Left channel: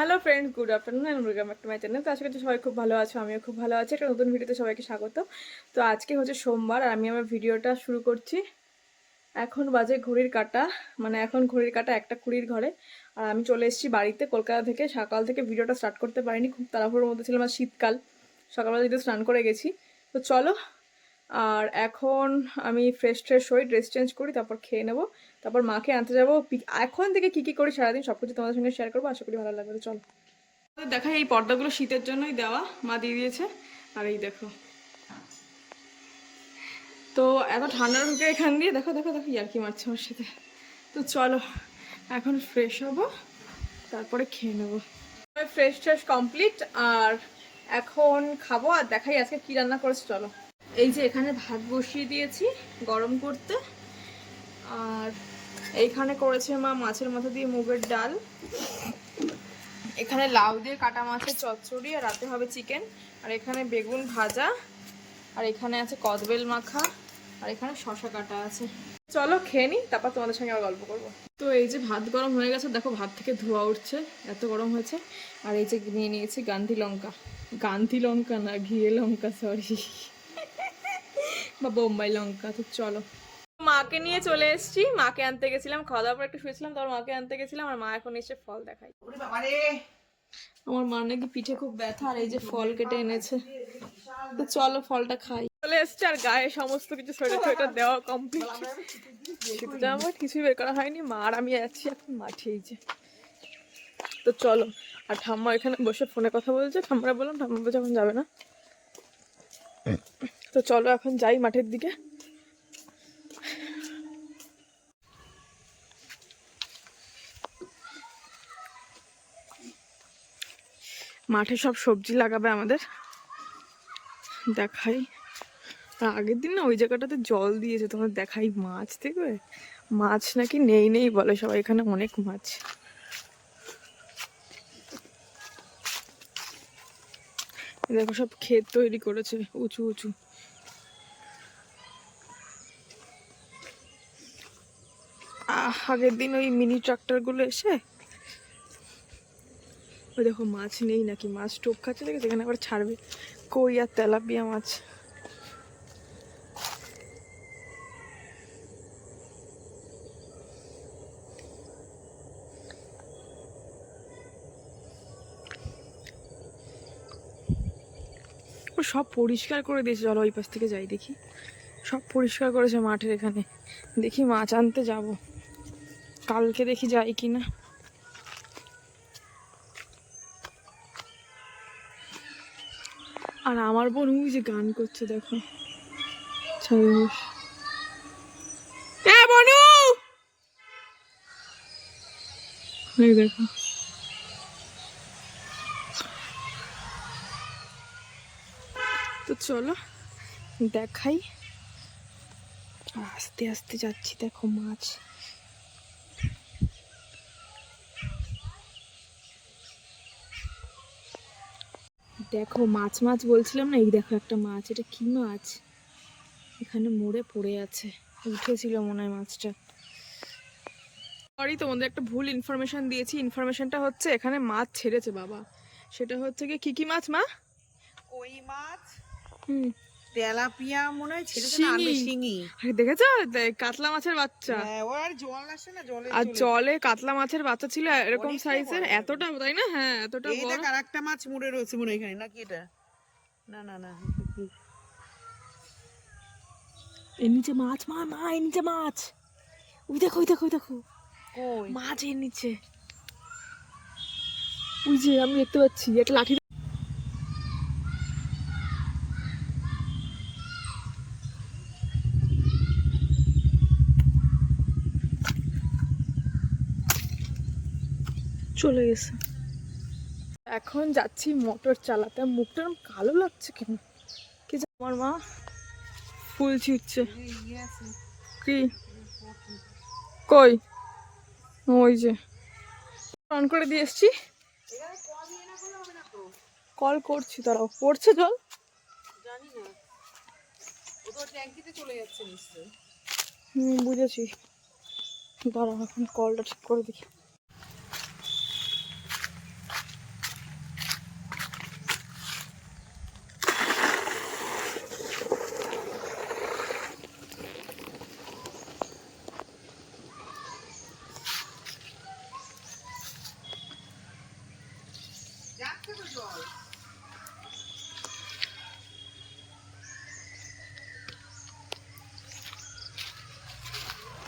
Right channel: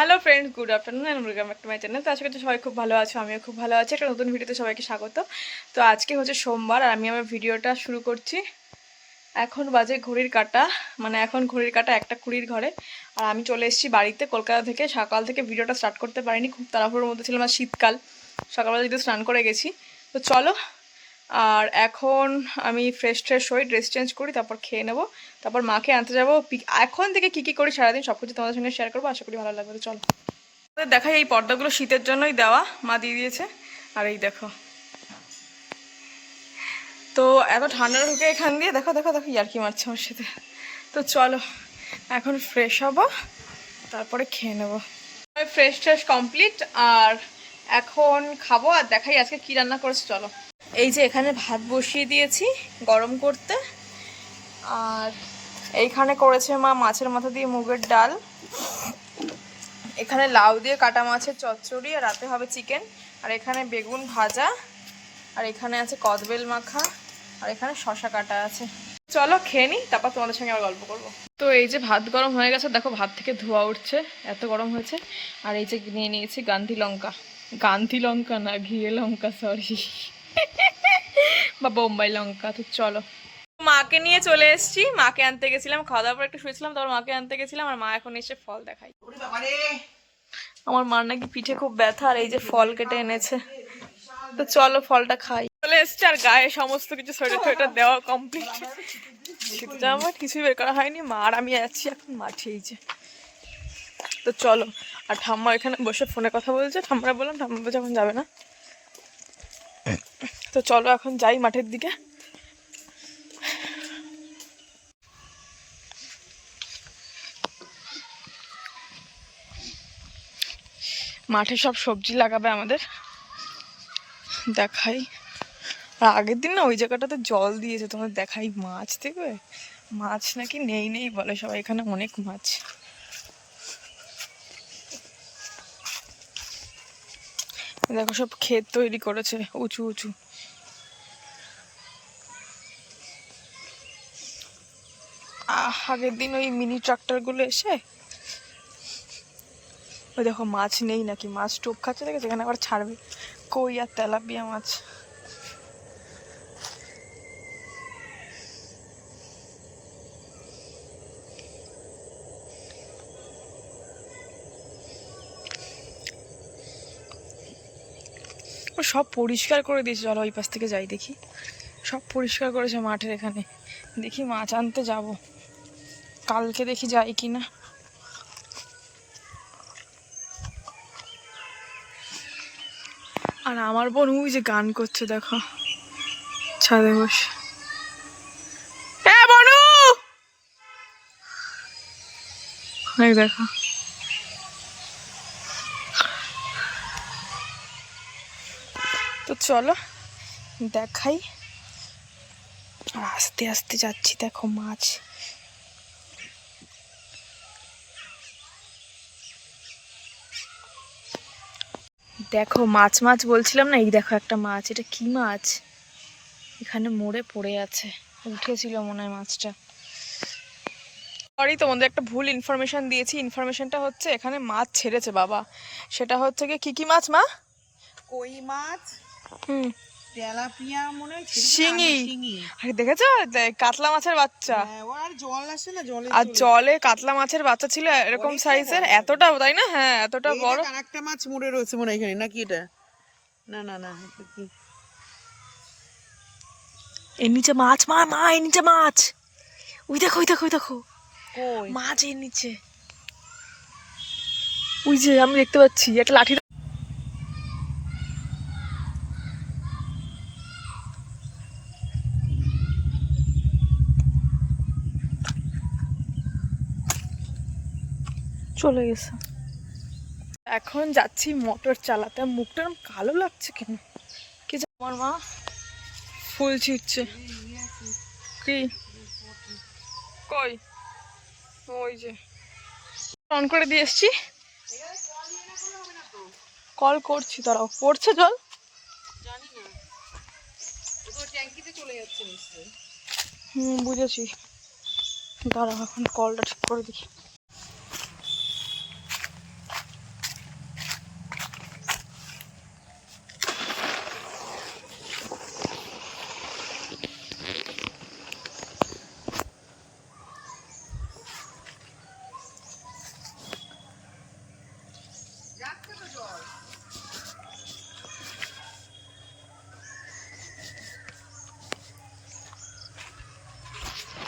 Hello friends good afternoon and welcome back to my channel তো আশা করছি সবাই খুব ভালো আছো, আমিও খুব ভালো আছি। একটা নতুন ভিডিওতে সবাইকে স্বাগত। তো আজকে হচ্ছে সোমবার, আর আমি আমার ভিডিওটা শুরু করছি। এখন বাজে ঘড়ির কাটা। মানে এখন ঘড়ির কাটা একটা কুড়ির ঘরে। আর আমি চলে এসেছি বাড়িতে, কলকাতা থেকে। সকাল থেকে ভিডিওটা স্টার্ট করতে পারিনি। খুব তাড়াহুড়োর মধ্যে ছিলাম, আর শীতকাল। সকালবেলা যদি স্নান করে গেছি। তো চলো আর এখন আমি ফ্রেশ ট্রেশ হই ড্রেস চেঞ্জ করি, তারপর খেয়ে নেব। তারপর মাকে আনতে যাব। এখন থেকে কী কী করি সারাদিন সব কিছু তোমাদের সঙ্গে শেয়ার করব। আশা করি ভালো লাগবে। চলো। দেখাই এই পর্দাগুলো শীতের জন্যই দেওয়া। মা দিয়ে দিয়েছে। আর এই দেখো। তো এত ঠান্ডা ঢুকে এখান দিয়ে। দেখো দেখো দেখো, ইয়ার্কি মারছে আমার সাথে। তো চলো, এখন ফ্রেশ হব। তারপরে খেয়ে নেব। ফ্রেশ ট্রেশ কমপ্লিট আর এখন খাব। আর দেখাই আজকে কি রান্না করেছে। চলো। এই যে এখানে ভাত বসিয়ে দিয়েছি গরম করতে। আর এইখানে করেছে মা মাছের মাথা দিয়ে মুগের ডাল। এখানে লাউ দিয়ে কাটা মাছের চচ্চড়ি আর রাতে হবে চিকেন। আর এখানে বেগুন ভাজা। আর এখানে আছে কদবেল মাখা। আর এখানে শশা কাটা আছে। চলো খেয়ে নিই তারপর তোমাদের সঙ্গে আবার গল্প করব। তো এই যে ভাত গরম হয়ে গেছে, দেখো ভাত থেকে ধোয়া উঠছে, এত গরম হয়েছে। আর এই যে নিয়ে নিয়েছি গান্ধী লঙ্কা। গান্ধী লঙ্কা না, ঘিয়ে লঙ্কা সরি বা বোম্বাই লঙ্কা তো চলো। মাকে নিয়ে চলে এসেছি মাকে আনতে গেছিলাম খাওয়া দাওয়ার পর একটু শুয়েছিলাম তারপর মাকে আনতে গেছিলাম আর মা এখন এসে ফল দেখাই আমার মার নাকি পিঠে খুব ব্যথা আর এই যে ফল কেটে এনেছে। তো চলো ফলটা খাই। চলে এসছে আর গায়ে সমস্ত কিছু সোয়েটার সোয়েটার দেওয়া কমপ্লিট শীত জামা কিছুই বের করা হয়নি মা আর আমি আছি এখন মাঠে এই যে। তো চলো আর ঠাম্মা এখানে বসে ফোনে কথা বলছে ঠাম্মারা বললাম ঠাম্মা বলছে এখন যাবে না। তো চলো এখন যাই মাঠের দিকে। মাঠে সব সবজি লাগাবে আমাদের। দেখাই। আর আগের দিন না ওই জায়গাটাতে জল দিয়েছে তোমার দেখাই মাছ দেখবে? মাছ নাকি নেই নেই বলে সবাই, এখানে অনেক মাছ। দেখো সব ক্ষেত তৈরি করেছে, উঁচু উঁচু। আগের দিন ওই মিনি ট্রাক্টরগুলো এসে, ওই দেখো মাছ নেই নাকি? মাছ টোপ খাচ্ছে দেখে সেখানে আবার ছাড়বে। কই আর তেলাপিয়া মাছ? ও সব পরিষ্কার করে দিয়েছে। চলো ওই পাশ থেকে যাই দেখি। সব পরিষ্কার করেছে মাঠের এখানে। দেখি মাছ আনতে যাব। কালকে দেখি যাই কি না আর আমার বোন ওই যে গান করছে, দেখো। ছাদে বসে। দেখো। তো চলো, দেখাই। আর আস্তে আস্তে যাচ্ছি, দেখো মাছ দেখো মাছ মাছ বলছিলাম না? এই দেখো একটা মাছ। এটা কি মাছ? এখানে মোড়ে পড়ে আছে। উঠেছিল মনে হয় মাছটা। সরি তোমাদের একটা ভুল ইনফরমেশান দিয়েছি। ইনফরমেশানটা হচ্ছে এখানে মাছ ছেড়েছে বাবা। সেটা হচ্ছে কি কি কি মাছ মা? কই মাছ? হুম। তেলাপিয়া মনে হয় শিঙি। আরে দেখেছ? কাতলা মাছের বাচ্চা। হ্যাঁ, আর জল আসে না জলে আর জলে কাতলা মাছের বাচ্চা ছিল এরকম সাইজের এতটা তাই না? হ্যাঁ এতটা বড়। মাছ মরে রয়েছে মনে হয় এখানে নাকি এটা? না না না এর নিচে মাছ মা মা এর নিচে মাছ। ওই দেখো ওই দেখো ওই দেখো। মাছ এর নিচে। ওই যে আমি দেখতে পাচ্ছি একটা লাঠি চলে গেছে। এখন যাচ্ছি মোটর চালাতে। মুখটা কালো লাগছে কেন? কি আমার মা ফুল ছিটছে কি? কই? ওই যে। অন করে দিয়ে এসছি। কল করছি তারাও পড়ছে জল? হুম, বুঝেছি। দাঁড়াও, এখন কলটা ঠিক করে দিই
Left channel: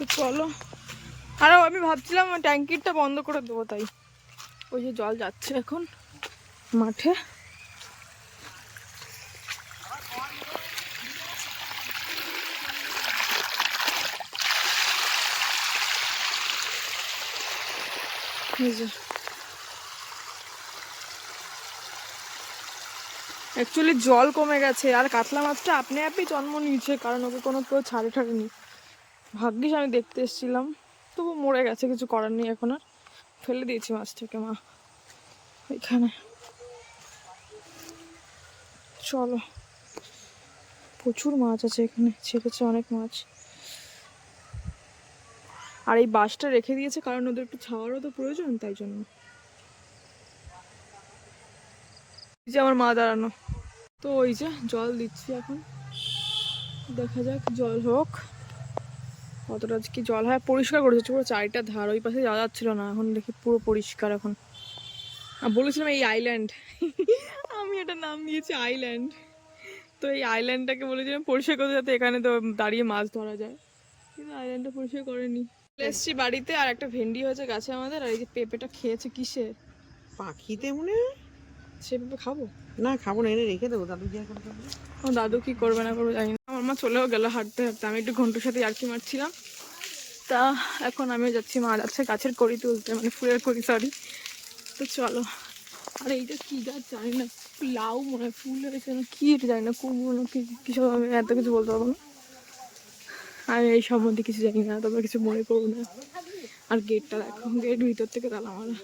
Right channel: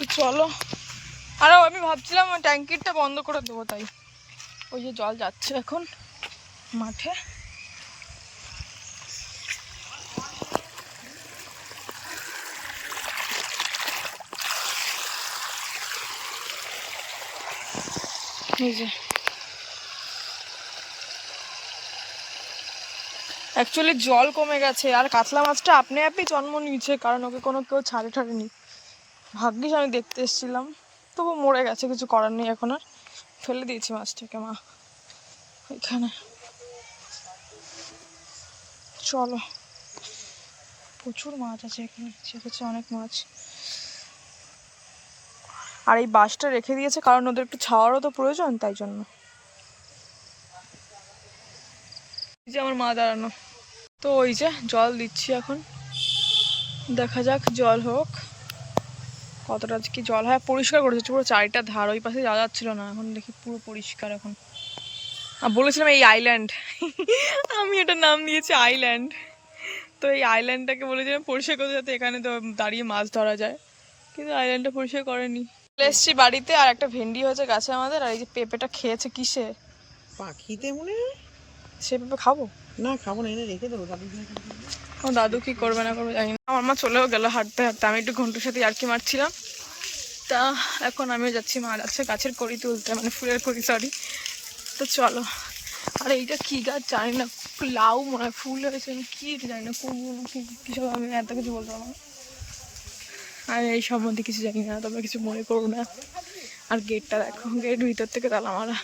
তো চলো। আরও আমি ভাবছিলাম ট্যাঙ্কিরটা বন্ধ করে দেবো, তাই। ওই যে জল যাচ্ছে এখন মাঠে। অ্যাকচুয়ালি জল কমে গেছে, আর কাতলা মাছটা আপনি আপনি জন্ম নিয়েছে, কারণ ওকে কোনো কেউ ছাড়ে ছাড়েনি ভাগ্যিস আমি দেখতে এসেছিলাম। তবু মরে গেছে, কিছু করার নেই এখন আর। ফেলে দিয়েছি মাছটাকে, মা। এখানে। চলো। প্রচুর মাছ আছে এখানে ছেপেছে অনেক মাছ। আর এই বাঁশটা রেখে দিয়েছে কারণ ওদের একটু ছাওয়ারও তো প্রয়োজন, তাই জন্য। যে আমার মা দাঁড়ানো। তো ওই যে জল দিচ্ছি এখন। দেখা যাক, জল হোক। কতটা কি জল হয় পরিষ্কার করেছে পুরো চারিটা ধার ওই পাশে যাওয়া যাচ্ছিল না এখন দেখি পুরো পরিষ্কার এখন। আর বলেছিলাম এই আইল্যান্ড আমি এটা নাম দিয়েছি আইল্যান্ড তো এই আইল্যান্ডটাকে বলেছিলাম পরিষ্কার করতে যাতে এখানে তো দাঁড়িয়ে মাছ ধরা যায়। কিন্তু আইল্যান্ডটা পরিষ্কার করেনি। চলে এসছি বাড়িতে আর একটা ভেন্ডি হয়েছে গাছে আমাদের আর এই যে পেঁপেটা খেয়েছে কিসে? পাখিতে মনে সে পেঁপে খাব? না খাব না এনে রেখে দেবো দাদু। আমার দাদু কি করবে না করবে জানি না। আমার মা চলেও গেল হাঁটতে হাঁটতে আমি একটু ঘন্টুর সাথে আর কি মারছিলাম। তা এখন আমিও যাচ্ছি মা যাচ্ছে গাছের কড়ি তুলতে মানে ফুলের কড়ি সরি তো চলো। আর এইটা কি গাছ জানি না, লাউ মনে হয়, ফুল হয়েছে, আমি কি জানি না, কুমড়ো না কি, কিছু আমি এত কিছু বলতে পারব না। আমি এই সম্বন্ধে কিছু জানি না, তবে কিছু মনে করব না। আর গেটটা দেখো, গেট ভিতর থেকে তালা মারা।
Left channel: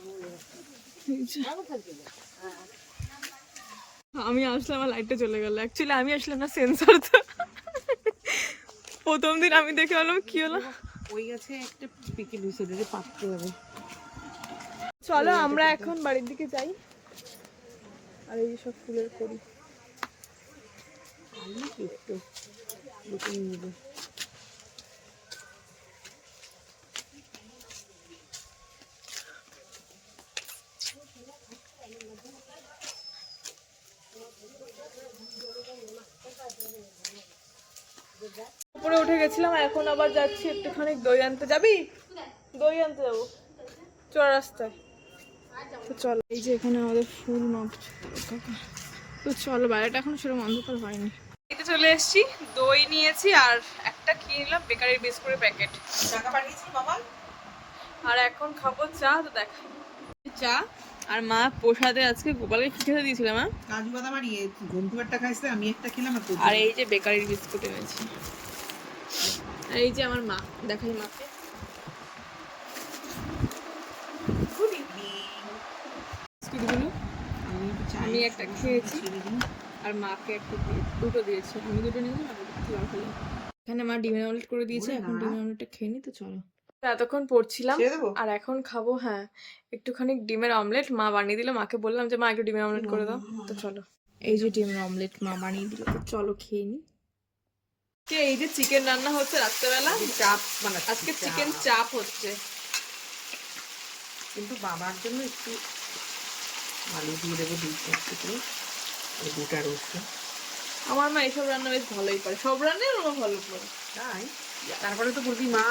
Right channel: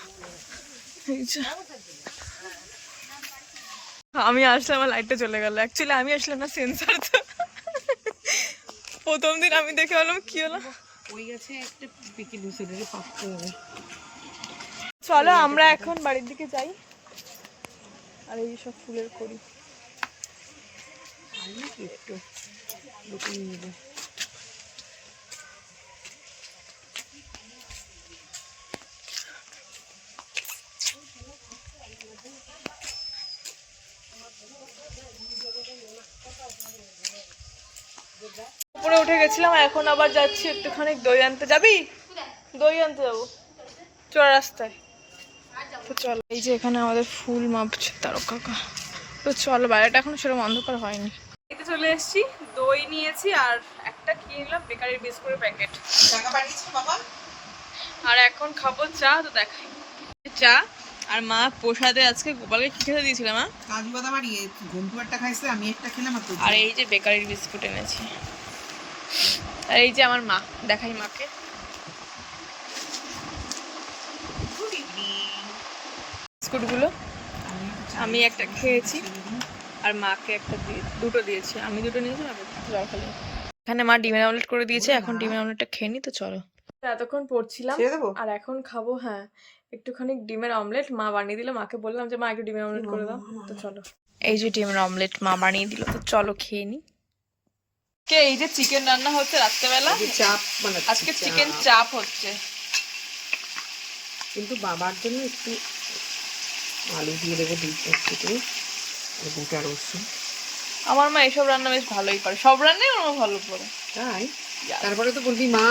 আমি আসলে আমার লাইটটা চলে গেল। অ্যাকচুয়ালি আমি আসলাম না সেন্সর তো। প্রথম দিন আমি দেখে হলাম কি হলো? ওই গাছে একটা পিকে দুশো টাকা পাততে হবে। চলো আমরা এখন বাড়ির দিকে যাই। আর এই সব ফুলের করি একটু? লুকিয়ে নেবে। উপরে উঠে গেছিলাম এখন আবার যাচ্ছি একটুখানি দই আনতে। যাবি? দই আনতে যাব। চড় রাস্তায়। তো চলো এই যে এখানে আমাদের ফুল মাপছে তারক কাকা তো চলো বাইরেটা এখন সেরকম অন্ধকার হয়নি। এটা চলে এসেছি দই নিয়েছি আর একটা কি নিলাম বেকারির বিস্কুটের প্যাকেট। আর এখন খাব চা তো দেখাই। চা আর মা প্রসাদে আজকে গোপালকে কি খেতে দিয়েছিলাম কাজু বাদাম আর ইয়ে ঘন্টু একটা খাইছে আমি একটা খেলাম আর এই যে বেকারির বিস্কুট এনেছি। আর এই যে আমার মা দেখাই মাকে। বিস্কুটগুলো আমি একটা খেয়েছি। আর মাকে একটা দিয়ে দুটো দিয়েছি। আমি দুটো নিয়েছি মাকে জল খালি। এখানে মা ডিমের অমলেট করে দিয়েছে এখন ডিমের অমলেটটা খেয়ে নি তো চলো। এতক্ষণ পড়ছিলাম আর এখন খাব হ্যাঁ। একটুখানি ডিমের অমলেট মা বানিয়ে দিল। মাকে বললাম যে মা একটু ডিমের অমলেট করে দাও। তো চলো। এই যে ডিমের অমলেট মা বানিয়ে দিল তো চলো খেয়ে নি। কে এই যে চিকেন রান্না হচ্ছে রাত্রেবেলা? চাপ মানে আজকে চিকেন চাপ হচ্ছে। কিন্তু বাবার জন্য একটু আলু দিয়ে দেবো একটু রসুন। আমার মা এসব রান্না বেশ ভালোই পারে সব রান্নাই আমার ভালো করে। তাই? তারপরে তো বলবি মা!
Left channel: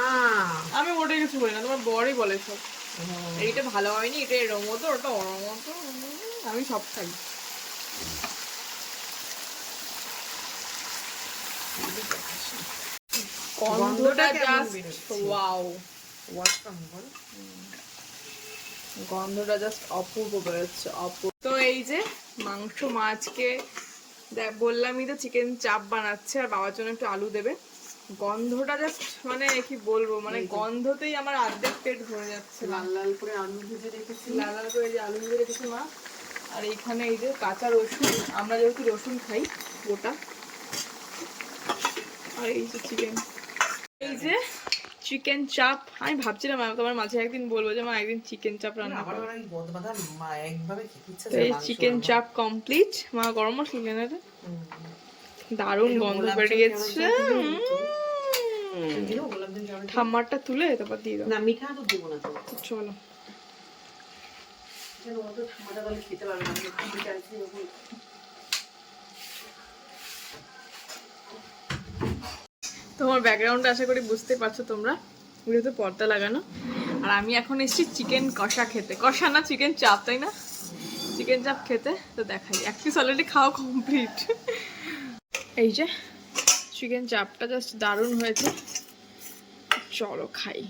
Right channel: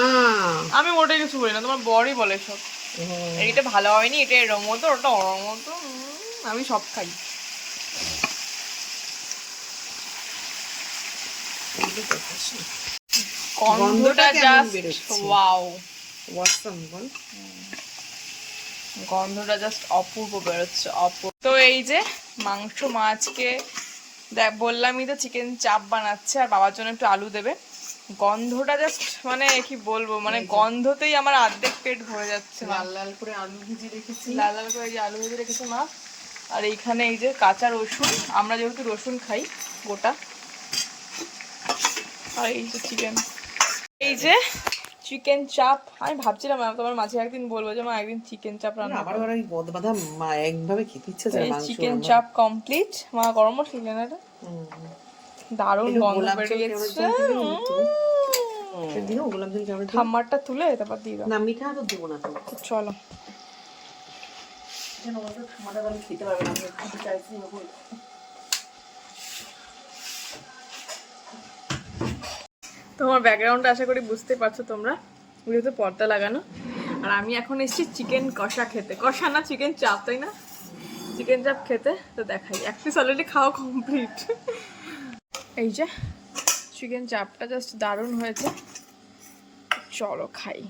আমি মোটেই কিছু বলি না তোমার বড়ই বলে সব। ও, এইটা ভালো হয়নি এটা এরম মতো ওটা ওরম মতো আমি সব খাই। যে দেখাচ্ছি। গন্ধটা জাস্ট ওয়াও গন্ধটা জাস্ট অপূর্ব বেরোচ্ছে অপূর্ব। তো এই যে মাংস মাছকে দেখ বললামই তো চিকেন চাপ বানাচ্ছে আর বাবার জন্য একটু আলু দেবে। গন্ধটা জাস্ট মানে কি বলব মানে গন্ধতেই আমার অর্ধেক পেট ভরে যাচ্ছে লাল লাল করে আলু ভেজে রেখেছি। লাল লাল করে যে আলু ভেজে রেখেছে মা। আর এইখানে এই যে কাঁচা রসুন আমরা যেহেতু রসুন খাই গোটা আর এই যে চিকেন এই যে চিকেন চাপ আমি ভাবছিলাম তোমার মাঝে একদিন বলব যে মা একদিন চিকেন চাপ রান্না আবার করো। আবার এই বদবাদা মা একভাবে খেতে ইচ্ছে এই চিকেন চাপ কমপ্লিট মা। গরম মশলা দিলেন এটা দারুণ গন্ধ বেরিয়েছে। ঠাম্মারটা তুলে তারপর দিয়ে দাও। তো দেবো না তো? তো চলো খেতে পারবে না আমি একটু চাইছি যখন তোমার ব্যাকগ্রাউন্ডটা আশা করি বুঝতে পারছ তোমরা। যেহেতু পর্দা লাগানো। আর আমি এখন এসেছি চিকেন কষা খেতে। কষা না চিকেন চাপ, তাই না? চিকেন চাপ খেতে, তো দেখাই। এক পিস অলরেডি খাও কমপ্লিট এই যে চিকেন চাপটা জাস্ট দারুণ হয়েছে। চলো খাই।